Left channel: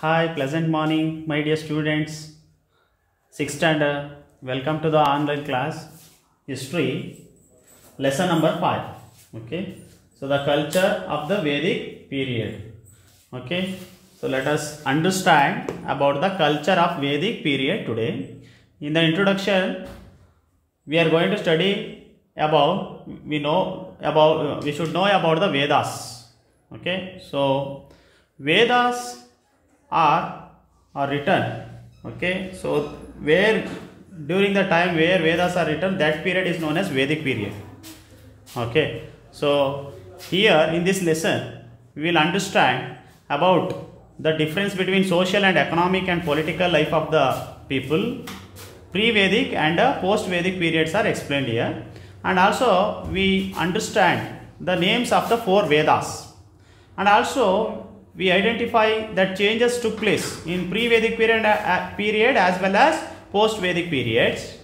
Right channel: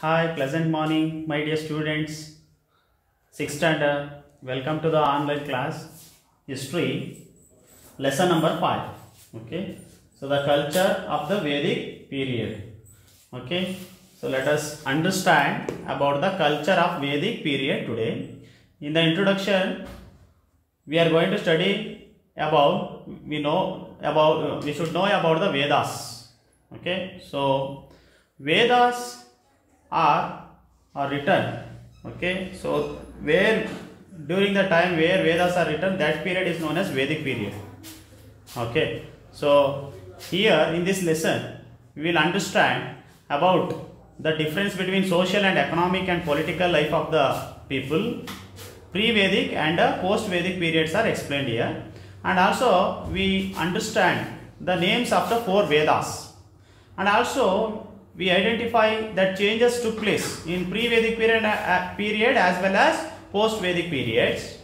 Hi, pleasant morning, my dear students. 6th standard, welcome to the online class History, lesson number 5. Okay, so the culture of the Vedic period. Okay, so let us understand about the culture of Vedic period today. In the introduction, we are going to study about, we should know about the Vedas. Okay, so Vedas are written. Okay, so where during the time where Vedas are written, that period is known as Vedic period. Okay, so here in this lesson we will understand about the difference between social and economic and political life of the people. Pre-Vedic and post-Vedic periods are explained here, and also we understand the names of the 4 Vedas, and also we identify that changes took place in pre-Vedic period as well as post-Vedic periods,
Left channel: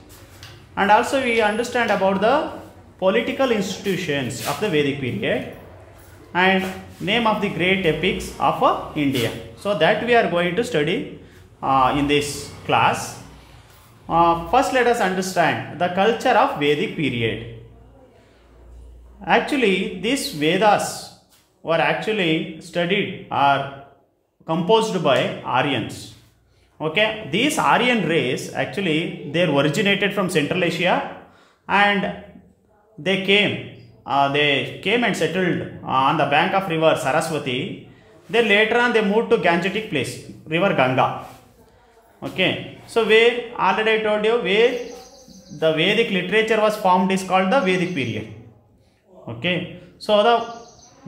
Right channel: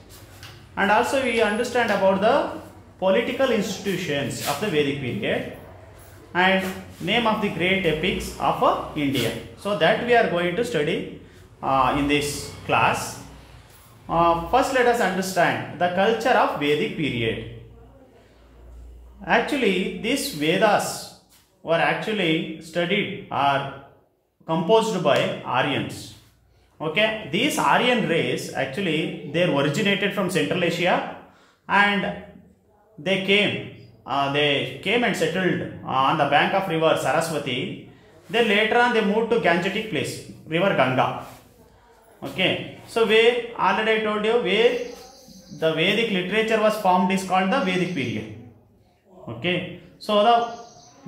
and also we understand about the political institutions of the Vedic period and name of the great epics of India. So that we are going to study in this class. First let us understand the culture of Vedic period. Actually, these Vedas were actually studied or composed by Aryans. Okay, these Aryan race actually they originated from Central Asia, and they came and settled on the bank of river Saraswati. Then later on they moved to Gangetic place, river Ganga. Okay, so where already I told you where the Vedic literature was formed is called the Vedic period. Okay, so the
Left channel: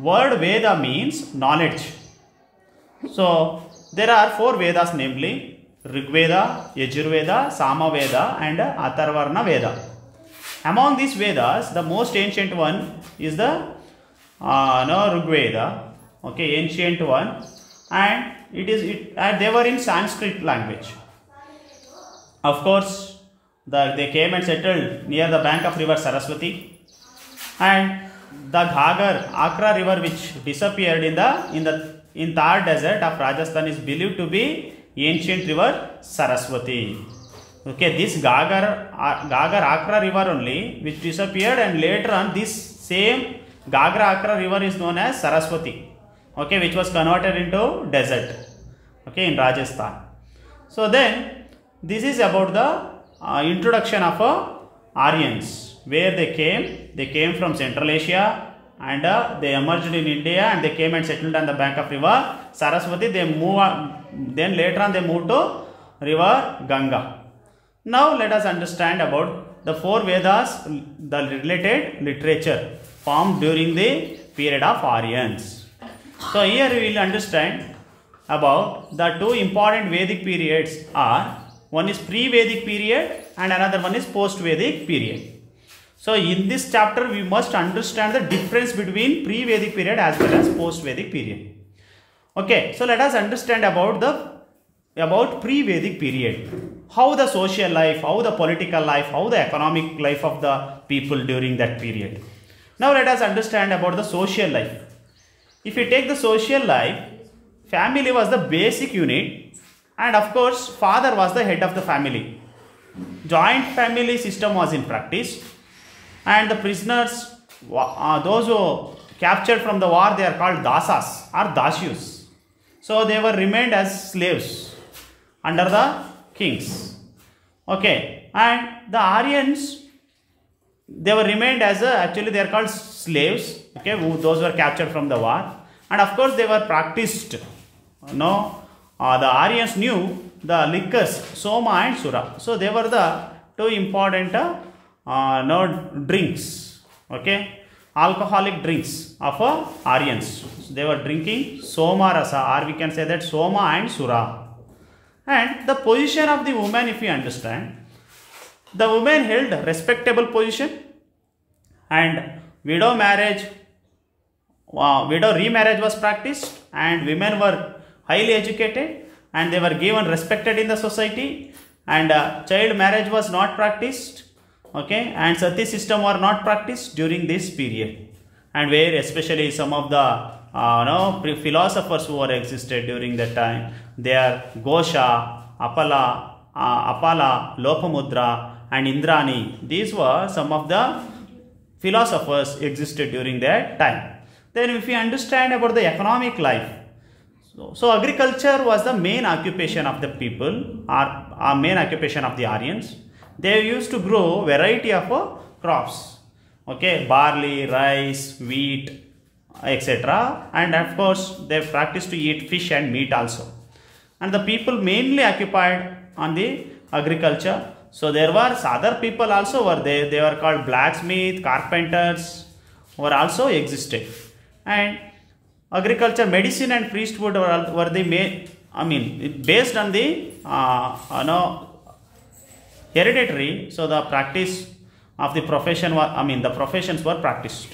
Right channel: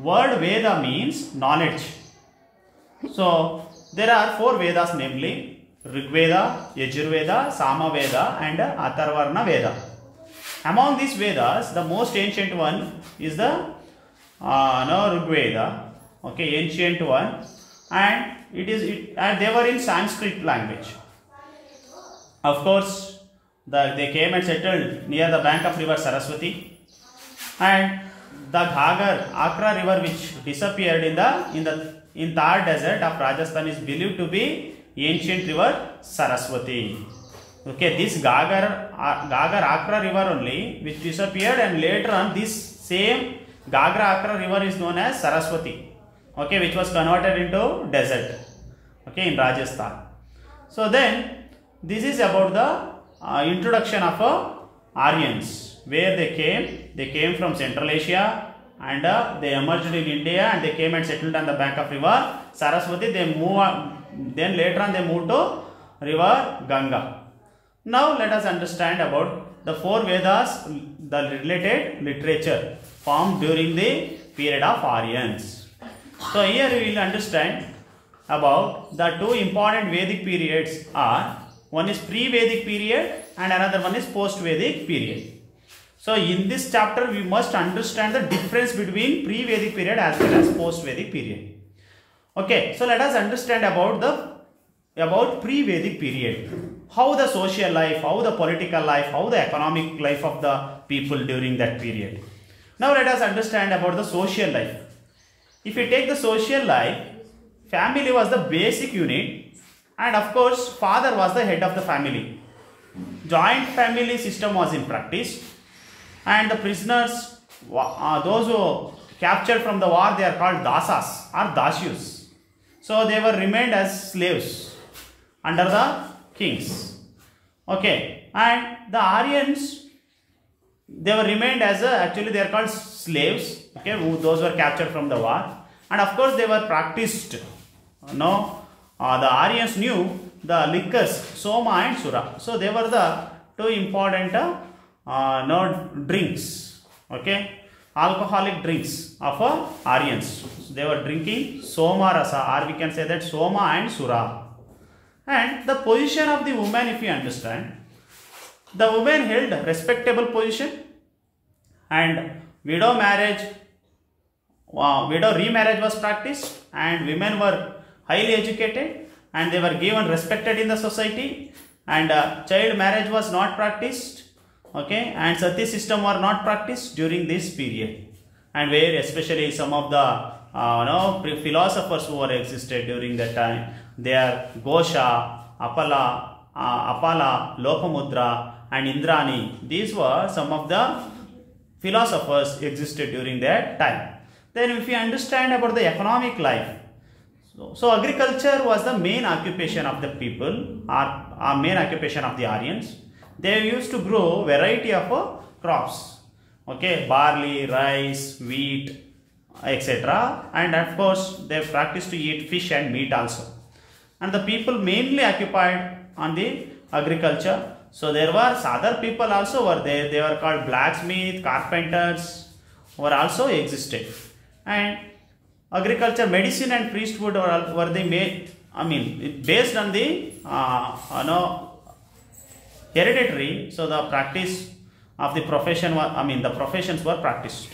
word Veda means knowledge. So there are 4 Vedas, namely Rig Veda, Yajurveda, Samaveda and Atharvana Veda. Among these Vedas, the most ancient one is the Rig Veda. Okay, ancient one, and they were in Sanskrit language. Of course, they came and settled near the bank of river Saraswati, and the Ghagar, Akra river, which disappeared in Thar desert of Rajasthan, is believed to be ancient river Saraswati. Okay, this Ghagar Akra river only, which disappeared, and later on this same Ghagar Akra river is known as Saraswati. Okay, which was converted into desert. Okay, in Rajasthan. So then this is about the introduction of Aryans. Where they came from Central Asia, and they emerged in India, and they came and settled on the bank of river Saraswati. Then later on they moved to river Ganga. Now let us understand about the 4 Vedas, the related literature formed during the period of Aryans. So here we will understand about the 2 important Vedic periods are, one is pre-Vedic period and another one is post-Vedic period. So in this chapter we must understand the difference between pre-Vedic period as well as post-Vedic period. Okay, so let us understand about pre-Vedic period. How the social life, how the political life, how the economic life of the people during that period. Now let us understand about the social life. If you take the social life, family was the basic unit, and of course father was the head of the family. Joint family system was in practice, and the prisoners, those who captured from the war, they are called dasas or dasyus. So they were remained as slaves under the kings. Okay, and the Aryans, they were remained as actually they are called slaves. Okay, those were captured from the war, and of course they were practiced. The Aryans knew the liquors Soma and Sura. So they were the 2 important drinks. Okay, alcoholic drinks of Aryans. So they were drinking Soma Rasa, or we can say that Soma and Sura. And the position of the woman, if you understand, the woman held a respectable position, and widow remarriage was practiced, and women were highly educated and they were given respected in the society, and child marriage was not practiced. Okay, and sati system were not practiced during this period, and where especially some of the philosophers who were existed during that time, they are Gosha, Apala, Lopamudra and Indrani. These were some of the philosophers existed during that time. Then if you understand about the economic life, so agriculture was the main occupation of the people, or main occupation of the Aryans. They used to grow variety of crops, okay, barley, rice, wheat, etc. And of course they practiced to eat fish and meat also. And the people mainly occupied on the agriculture. So there were other people also were there. They were called blacksmith, carpenters were also existed. And agriculture, medicine and priesthood were the main, I mean, based on the hereditary. So the practice of the profession was, I mean, the professions were practiced.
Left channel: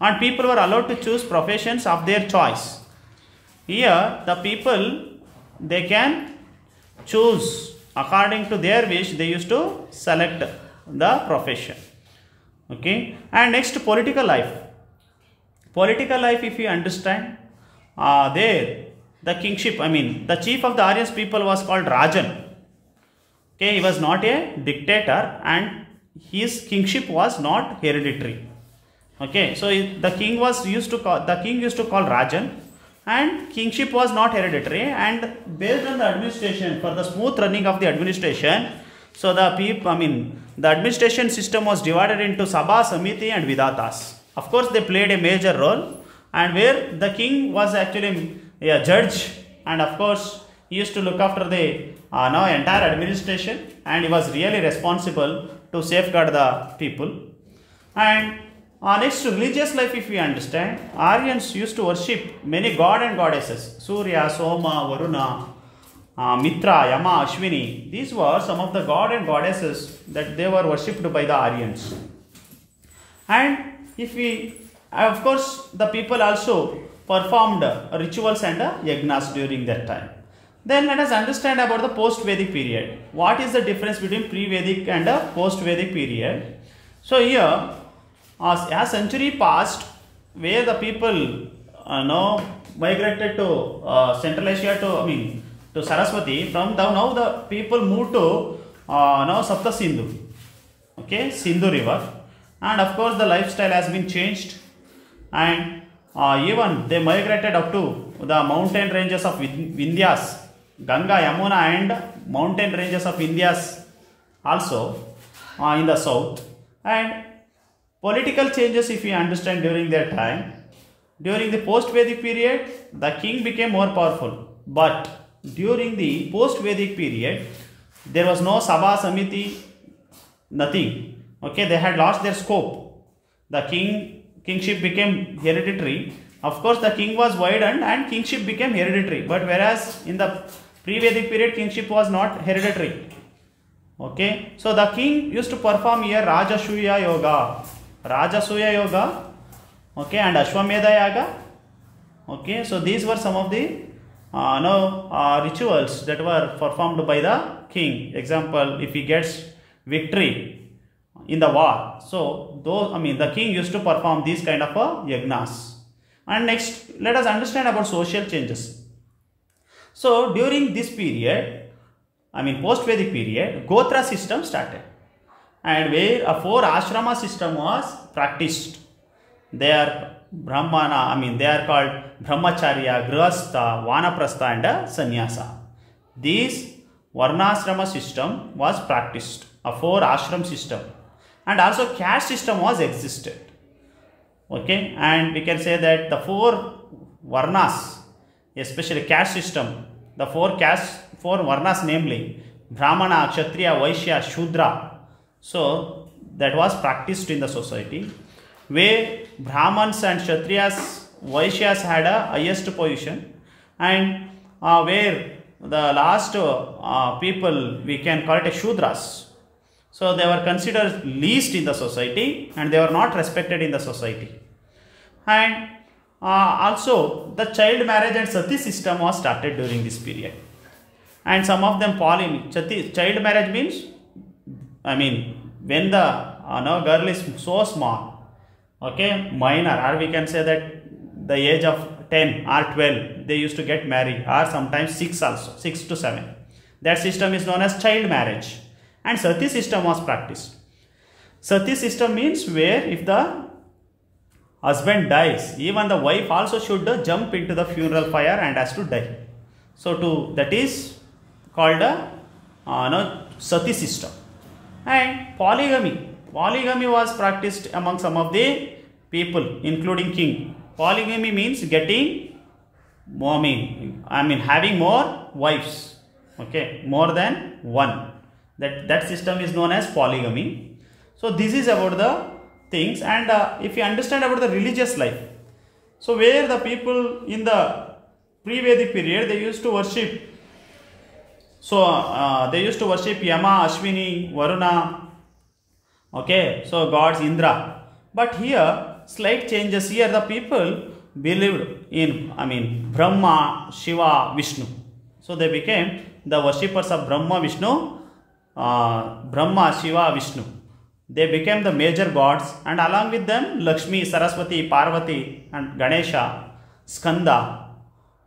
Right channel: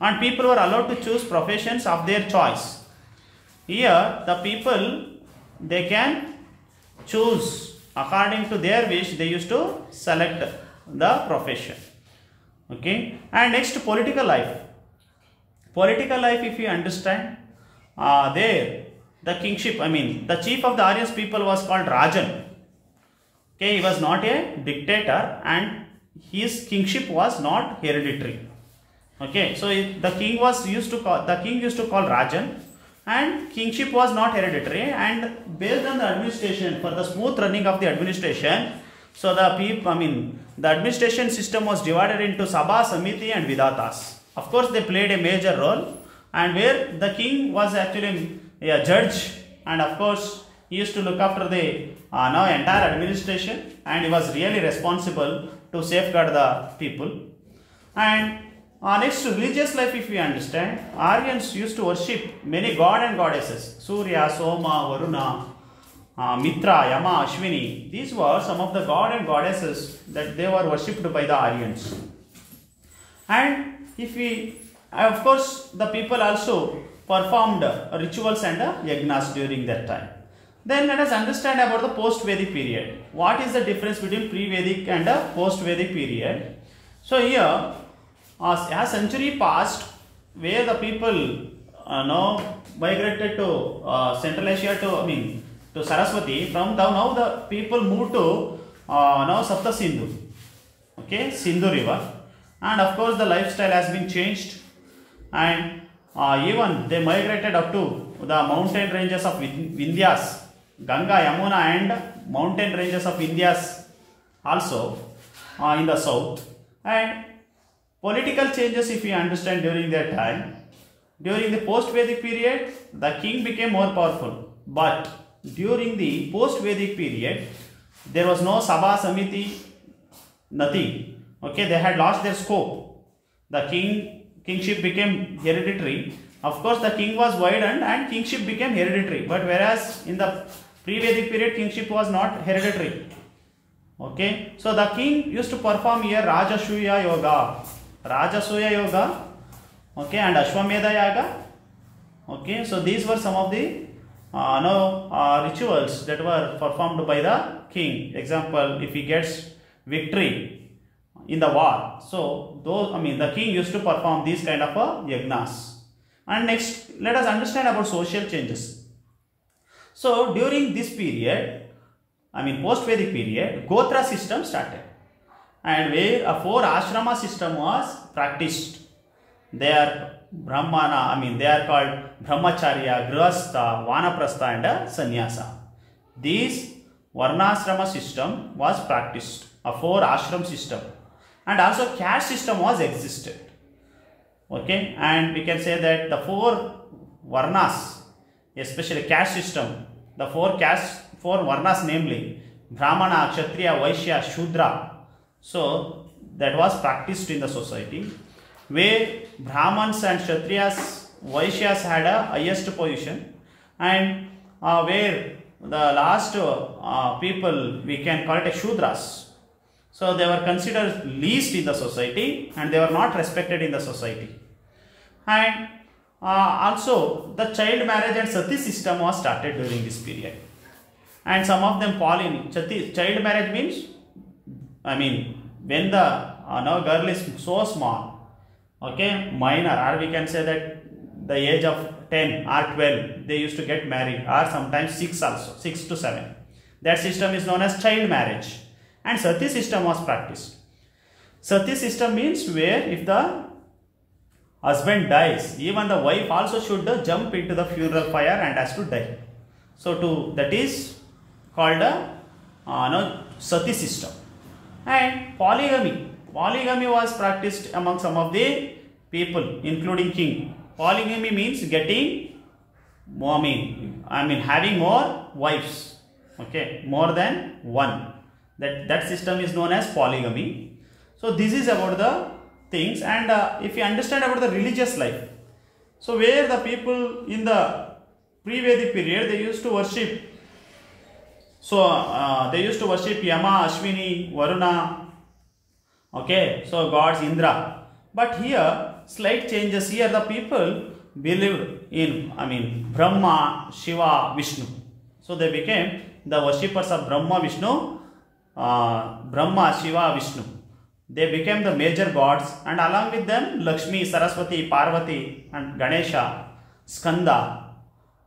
And people were allowed to choose professions of their choice. Here the people, they can choose according to their wish. They used to select the profession. Okay. And next, political life. Political life, if you understand, there the kingship, I mean the chief of the Aryans people was called Rajan. Okay, he was not a dictator and his kingship was not hereditary. Okay, so the king used to call Rajan, and kingship was not hereditary, and based on the administration, for the smooth running of the administration, so the administration system was divided into Sabha, Samiti and Vidatas. Of course, they played a major role, and where the king was actually a judge, and of course he used to look after the entire administration, and he was really responsible to safeguard the people. And next, religious life, if we understand, Aryans used to worship many god and goddesses: Surya, Soma, Varuna, Mitra, Yama, Ashwini. These were some of the god and goddesses that they were worshipped by the Aryans. And if we, of course, the people also performed rituals and yagnas during that time. Then let us understand about the post-Vedic period. What is the difference between pre-Vedic and post-Vedic period? So here, a century passed where the people migrated to Central Asia to Saraswati. From now the people moved to Sapta Sindhu, okay, Sindhu river, and of course the lifestyle has been changed, and even they migrated up to the mountain ranges of Vindhyas, Ganga, Yamuna and mountain ranges of Vindhyas also in the south. And political changes, if you understand, during that time, during the post-Vedic period, the king became more powerful. But during the post-Vedic period, there was no Sabha, Samiti, nothing. Okay, they had lost their scope. The kingship became hereditary. Of course, the king was widened and kingship became hereditary. But whereas in the pre-Vedic period, kingship was not hereditary. Okay, so the king used to perform here Rajasuya Yoga. Rajasuya Yoga, okay, and Ashwamedha Yaga. Okay, so these were some of the rituals that were performed by the king. Example, if he gets victory in the war, so the king used to perform these kind of yagnas. And next, let us understand about social changes. So during this period, post-Vedic period, Gotra system started, and where a 4 ashrama system was practiced. They are Brahmana, they are called Brahmacharya, Grihastha, Vanaprastha and Sannyasa. These Varnashrama system was practiced, a 4 ashram system, and also caste system was existed. Okay, and we can say that the 4 Varnas, especially caste system, the 4 Varnas, namely Brahmana, Kshatriya, Vaishya, Shudra. So that was practiced in the society, where Brahmans and Kshatriyas, Vaishyas had a highest position, and where the last people, we can call it a Shudras. So they were considered least in the society and they were not respected in the society. And also the child marriage and sati system was started during this period. And some of them fall in child marriage means, when the girl is so small, okay, minor, or we can say that the age of 10 or 12, they used to get married, or sometimes 6 also, 6 to 7. That system is known as child marriage. And sati system was practiced. Sati system means where if the husband dies, even the wife also should jump into the funeral fire and has to die. So that is called a sati system. And polygamy was practiced among some of the people, including king. Polygamy means getting, having more wives, okay, more than one. That system is known as polygamy. So this is about the things. And if you understand about the religious life, so where the people in the pre-Vedic period, they used to worship. So they used to worship Yama, Ashwini, Varuna, okay, so gods Indra. But here slight changes. Here the people believed in Brahma, Shiva, Vishnu. So they became the worshippers of Brahma, Shiva, Vishnu. They became the major gods, and along with them Lakshmi, Saraswati, Parvati and Ganesha, Skanda,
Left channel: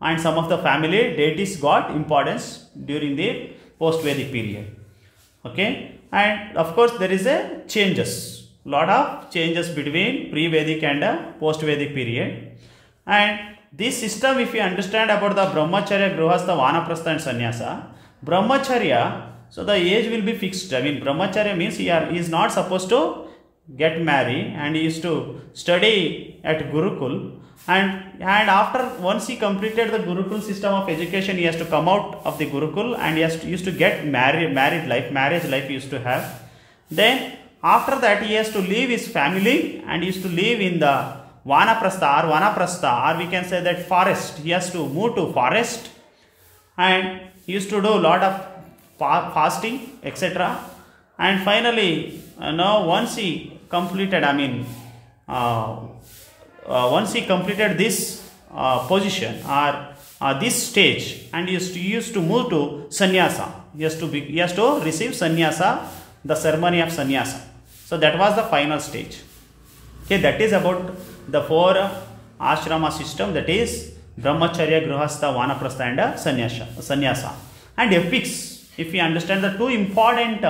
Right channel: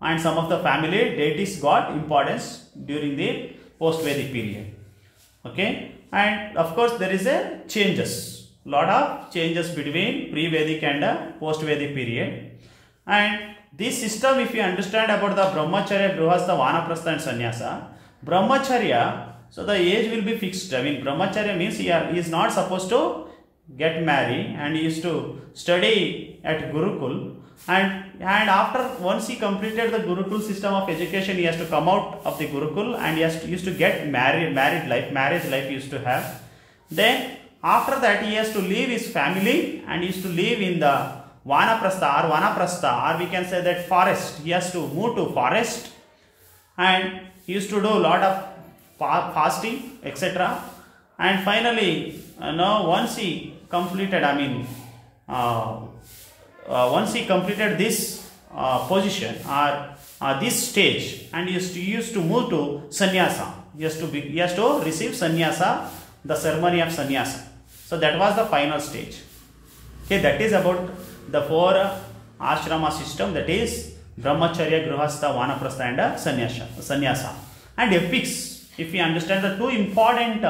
and some of the family deities got importance during the post-Vedic period. Okay, and of course there is a lot of changes between pre-Vedic and post-Vedic period. And this system, if you understand about the Brahmacharya, Grihastha, Vanaprastha and Sannyasa, Brahmacharya, so the age will be fixed. Brahmacharya means he is not supposed to get married, and he used to study at Gurukul. And after once he completed the Gurukul system of education, he has to come out of the Gurukul, and he used to get marriage life he used to have. Then after that he has to leave his family, and he used to live in the Vanaprastha, or we can say that forest. He has to move to forest, and he used to do a lot of fasting, etc. And finally, once he completed, once he completed this position or this stage, and he used to move to sannyasa. He has to receive sannyasa, the ceremony of sannyasa. So that was the final stage. Okay, that is about the 4 ashrama system, that is Brahmacharya, Grihastha, Vanaprastha and sannyasa. And epics. If you understand the 2 important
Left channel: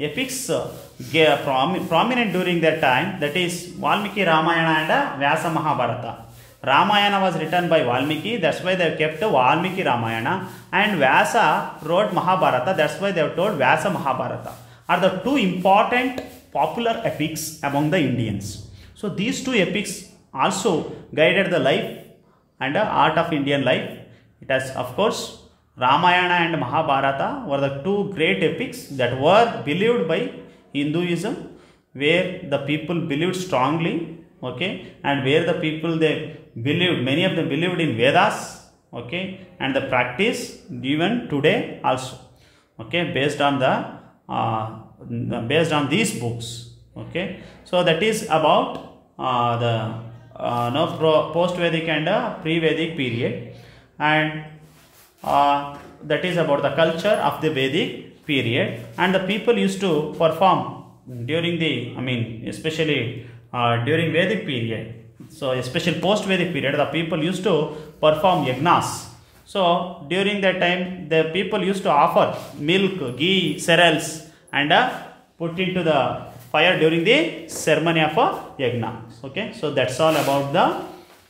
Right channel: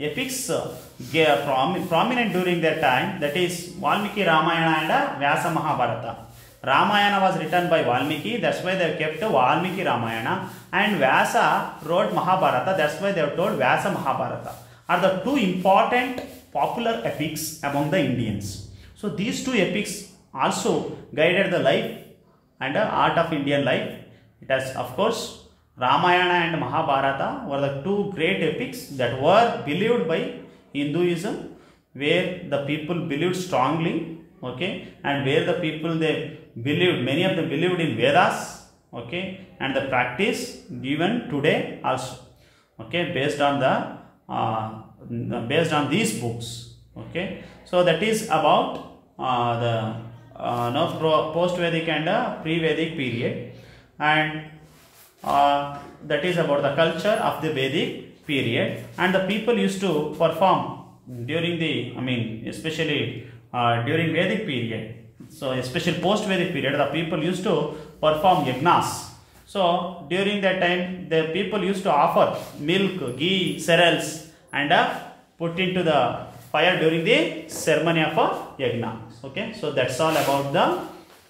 epics prominent during that time, that is Valmiki Ramayana and Vyasa Mahabharata. Ramayana was written by Valmiki, that's why they have kept Valmiki Ramayana, and Vyasa wrote Mahabharata, that's why they have told Vyasa Mahabharata, are the 2 important popular epics among the Indians. So these 2 epics also guided the life and the art of Indian life. It has, of course, Ramayana and Mahabharata were the 2 great epics that were believed by Hinduism, where the people believed strongly, okay, and where the people many of them believed in Vedas, okay, and the practice even today also, okay, based on these books, okay. So that is about the post-Vedic and pre-Vedic period, and that is about the culture of the Vedic period. And the people used to perform during the, especially during Vedic period, so especially post-Vedic period, the people used to perform yagnas. So during that time, the people used to offer milk, ghee, cereals and put into the fire during the ceremony of a yagna. Okay, so that's all about the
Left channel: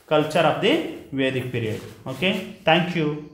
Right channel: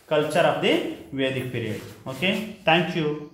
culture of the Vedic period. Okay, thank you.